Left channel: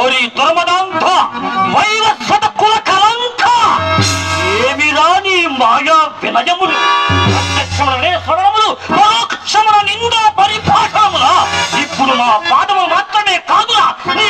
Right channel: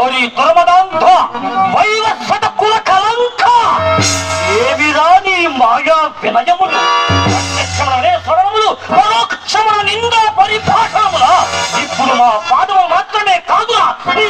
ఓరి దుర్మదాంధ వైరక్షత కుల కలంక. ఏమి రాని మాయా వినయములు ప్రత్యక్షములనే స్వరములు పరోక్షముల నిందా పరిభాషములా. ఇప్పుడు నా పాదము మాత్రమే కాదురా నీ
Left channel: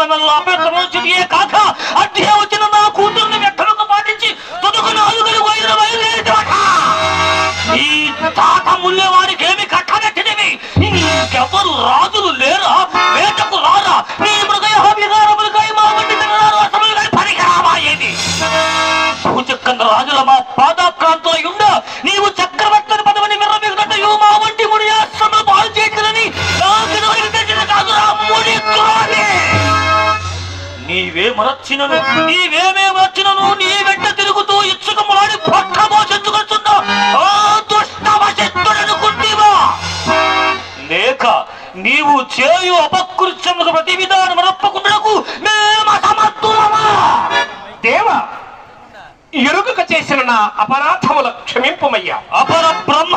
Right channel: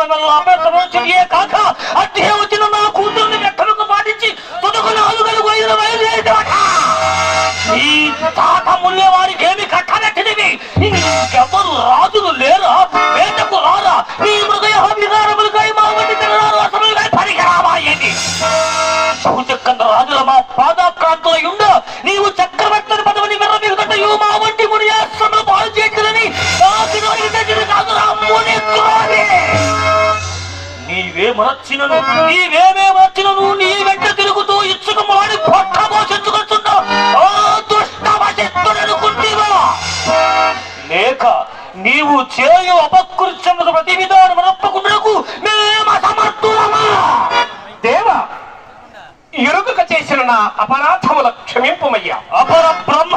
మిమ్మల్ని కాక అట్టే వచ్చిన నా కూతుర్ని వ్యక్తులను పాటించి తుదకు నాలుగని వైరు బయలుదేరిట ఈ తాక ముల్లే ఏమి కట్టబెట్టినవి రాజులు లేరా? వేటకు రాదా నీ మరచినను నీవేమే మరచినను నీ వెంట తిరుగుతూ ఇచ్చుక మాడి పొట్ట మోసించుకొచ్చున్నావు ఓ దుష్ట వశిత్తుడనుకుంటేవా లేక నీవు చేయు అపకృత్యములకు ప్రతి విధానం మనప్పకుండకు దేవ ఇరుకుక చేసిన నా అపరాధముల క్షమింపమయ్యా. అపర బ్రహ్మ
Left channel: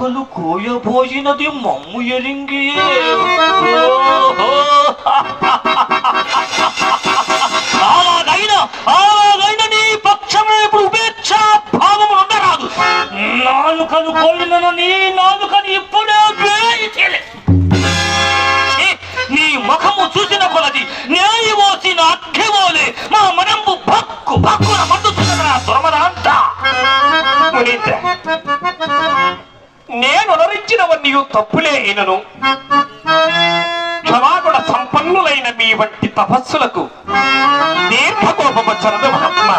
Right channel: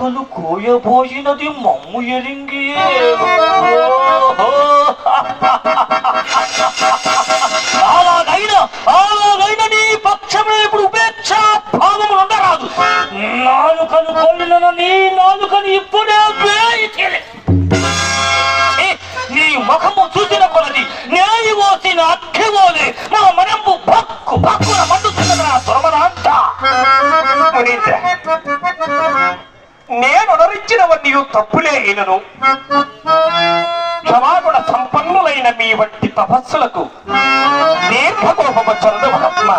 ಕಲು ಕೋಯ ಭೋಜನದಿ ಮಮ್ಮು ಎರಿಂಗಿಯೇ నేను ఉదరించినవన్నీ తప్పులే అయినను. క్షమాగుణ సంపన్నులైన మీ వంటి తపస్సులకు దీర్ఘకోపము చంద్రమహాత్మ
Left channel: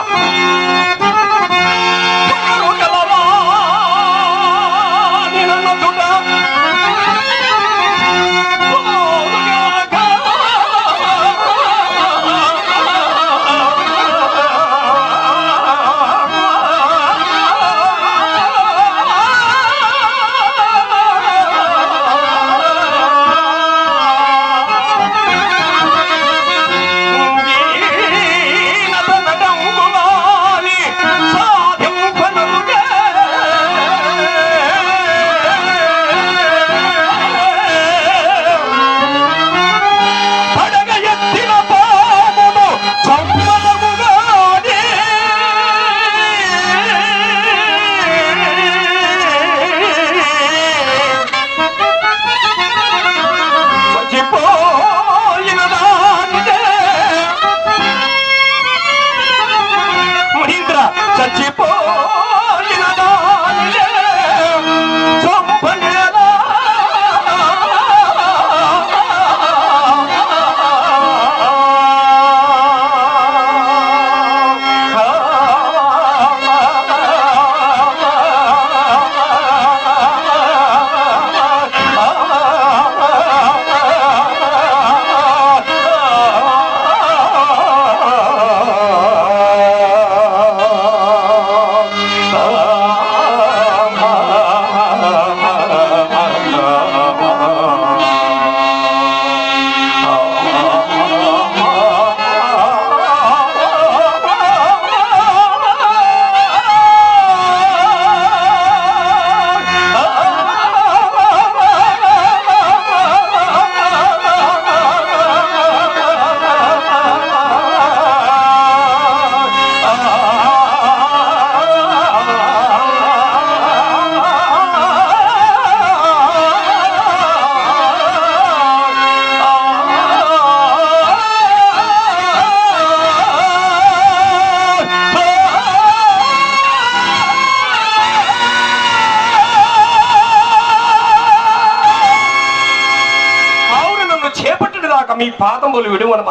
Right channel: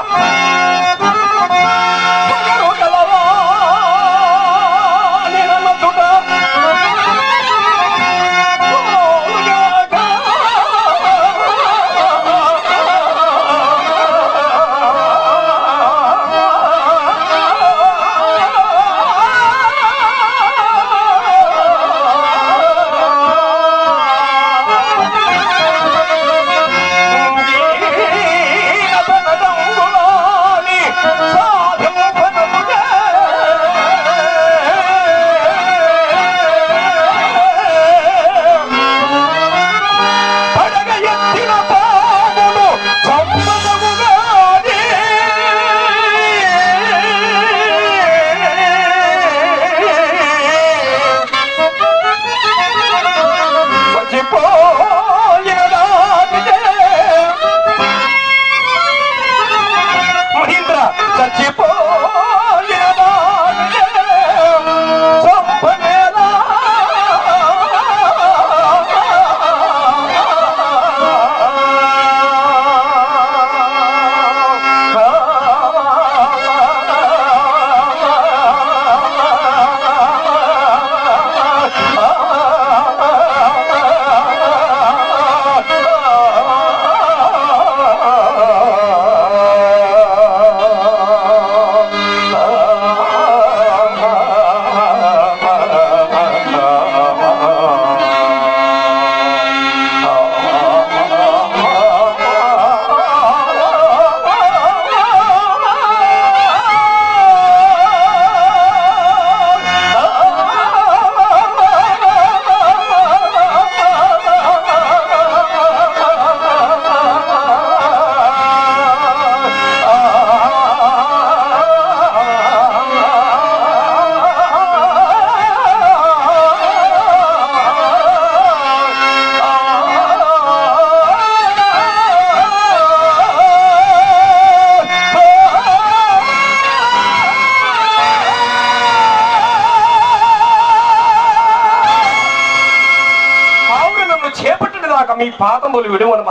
చేపట్టిన మీ పాదములు విడువను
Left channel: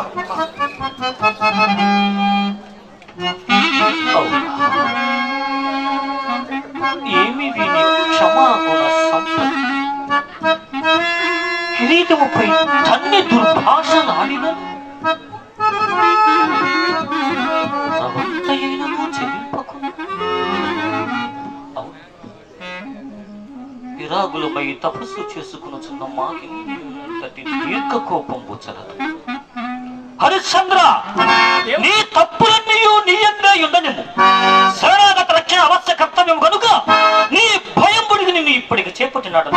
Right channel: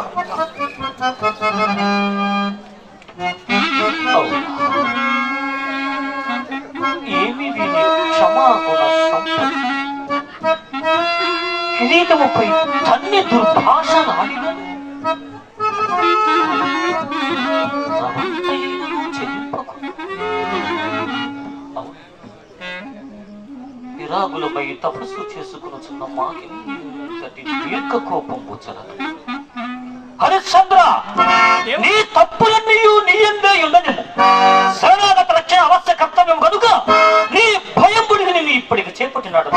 ఏమి వీని క్షమాగుణ కిరీటముపై తన్ని దుర్భాష నాడిన విరాగులపై తపస్సు చేసుకున్న మాకి దీర్ఘ కోపం వచ్చరదు హరిశ్చంద్ర నీ తప్పులన్నీయు నీ అందే ఉండనిము శరణాగత రక్షణ అవశ్య కర్తవ్యం కనుక నీ భయం పుడిగి నిన్ను ఇప్పటికి చేపట్టినాడు.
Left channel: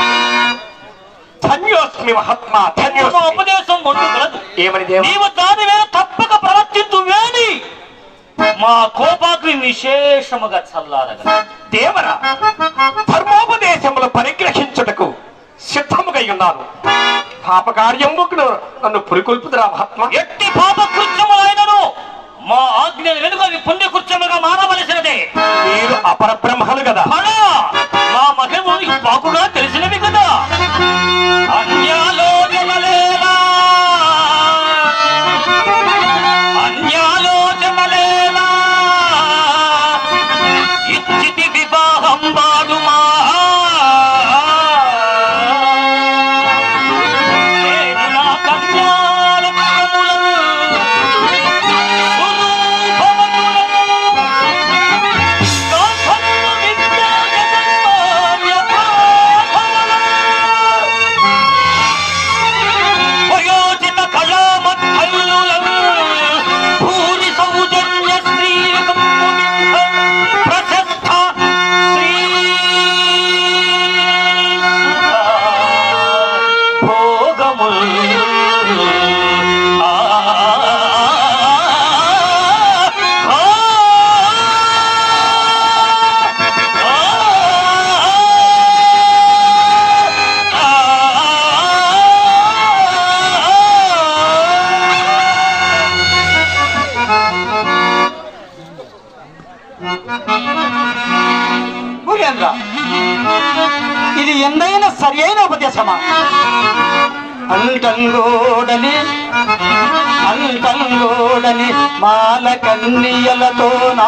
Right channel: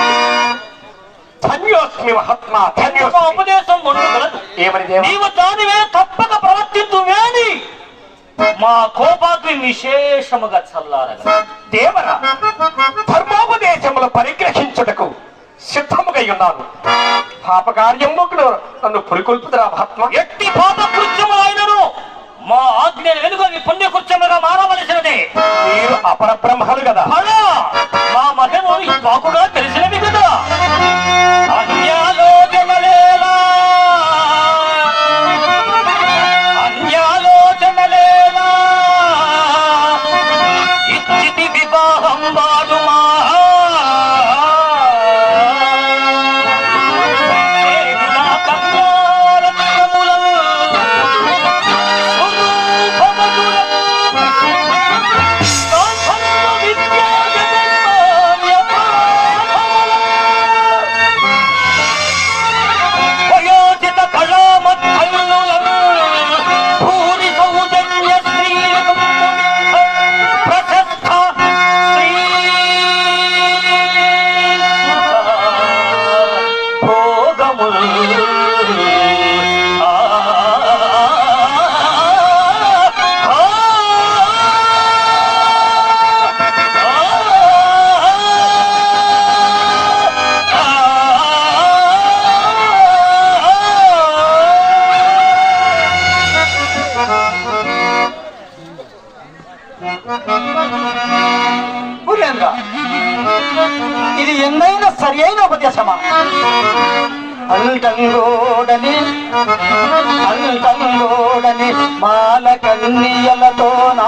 ధన్యోస్మి మహాత్మ ధన్యోస్మి. ఉపదేశం ఉండగలదు ఏమని దేవ నీవు దానివే తప్పక ప్రవర్తించు వేని మా కోపాగ్ని విశేషముగా చల్లారగలదు దేవరా ధర్మోపదేశములు పరిగ్రహించుటకు సిద్ధముగా ఉన్నాను పాపకార్యముకు నన్ను పురికొల్పుతురా మహాత్మ. ఎట్టి పాప కృత్యములైనను మా ఆజ్ఞ వెనుక పుణ్యకృత్యముగా మానవలసినదే మీరు అపర బ్రహ్మలు కదా మా మహిమ బాగుగా తెలిసినవి కదా. వివాహం వాడుమా ఏదునా అంటంగోడని అంటంగోడని మాల కన్నియలతోనా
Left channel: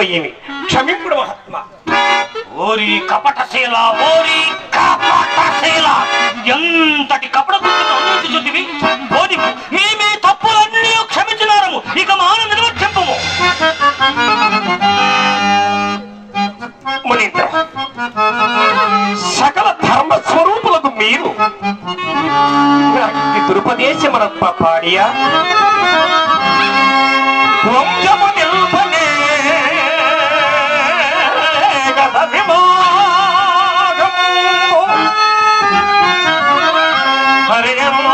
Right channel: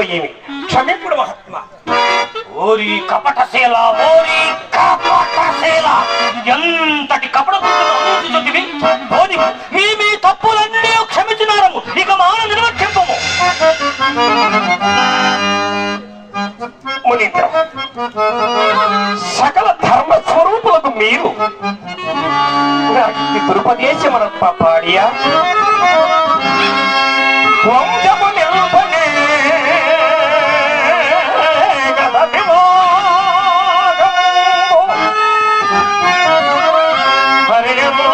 ఏమి క్షమింపుడు మహాత్మ. ఓరి కపటశీల ఓరి కపటశీల. ఎంతటి కపట చూస్తుంది మీ మీ తప్పులన్నీ క్షమించినారము. ఇక మాన నిర్లక్ష్యము. మునీంద్ర సకల ధర్మ స్వరూపులకు మీరు నాకు దురుపదేశమనప్ప పాడియా? వంశము హరియము.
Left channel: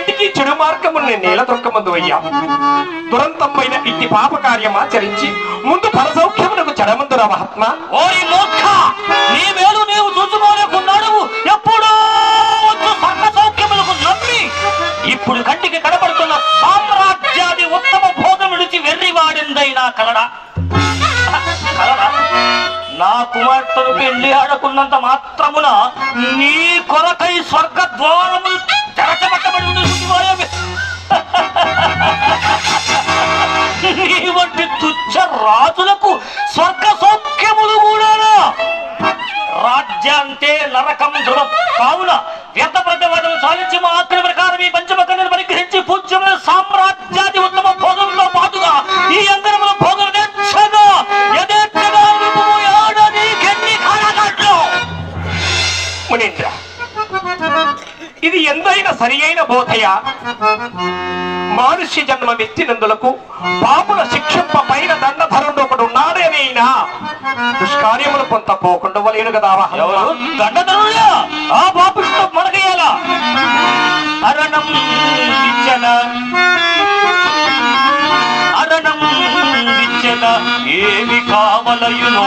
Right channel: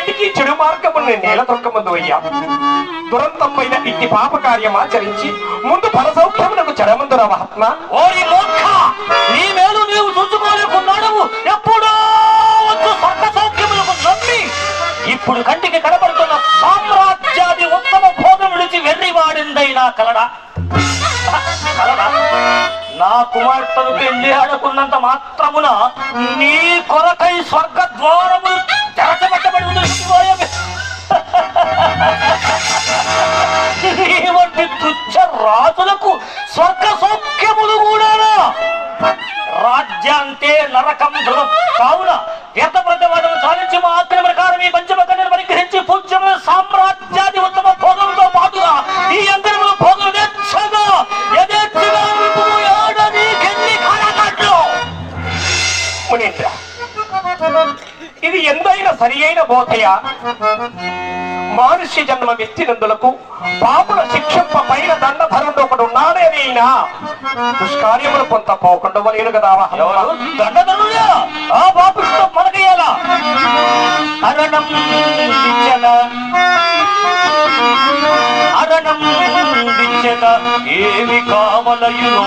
ఇహపరములకు రెండింటికి చెడు మార్గముని నేల దొరకమందు అయ్యా. దురంతమైన ఇట్టి పాప కార్యం ఆచరించి ముందు పరసౌఖ్యమునకు చెడమందురా మహాత్మ. ఓరి మూర్ఖ నీ మేలు నీవు చూసుకోలేకున్నాడు ఎప్పుడో వచ్చు సర్వ ఇప్పుడు కంటికి కనబడుతున్న సామ్రాజ్యాది ఉత్తమ భోగం విడిచి వెర్రివాడిందైనా వాడిందైనా కలడా? నా కుమార్తెను పెళ్ళి ఆడకున్నంత మాత్రమున నీ కొరకై స్వర్గ ద్వారము తెరచబట్టబడి తుచ్చ రాజులకు స్వర్గ సౌఖ్యములు కూడా రాజ్యాంతే నరకం ధృవం కావున వ్యర్థ సాధించి మా ఆక్రమణ ప్రకారం ఈ పంచమ పంచమకన్యను పరిగ్రహించి పూజ్యమైన సామ్రాజ్యాది ఉత్తమ భోజనంలో పాటుగా ఈ అందరము భోజనం తెచ్చగా యథేచ్ఛగా మునీంద్ర ఇది ఎందైనా సరి అయిన బోధయ. మానుష్య జన్మ వ్యక్తినందులకు పాపుల శిక్షింప పైన దండధరుడు ఒకడు ఉన్నాడేనైనా దుష్కార్యములు కొంత పోకుండా వలేను కదా దండధరుడా ఆ పాపులతో మనకేలా? అరణం విచ్చల. అరణం విచ్చల. ఏమి కావలయునో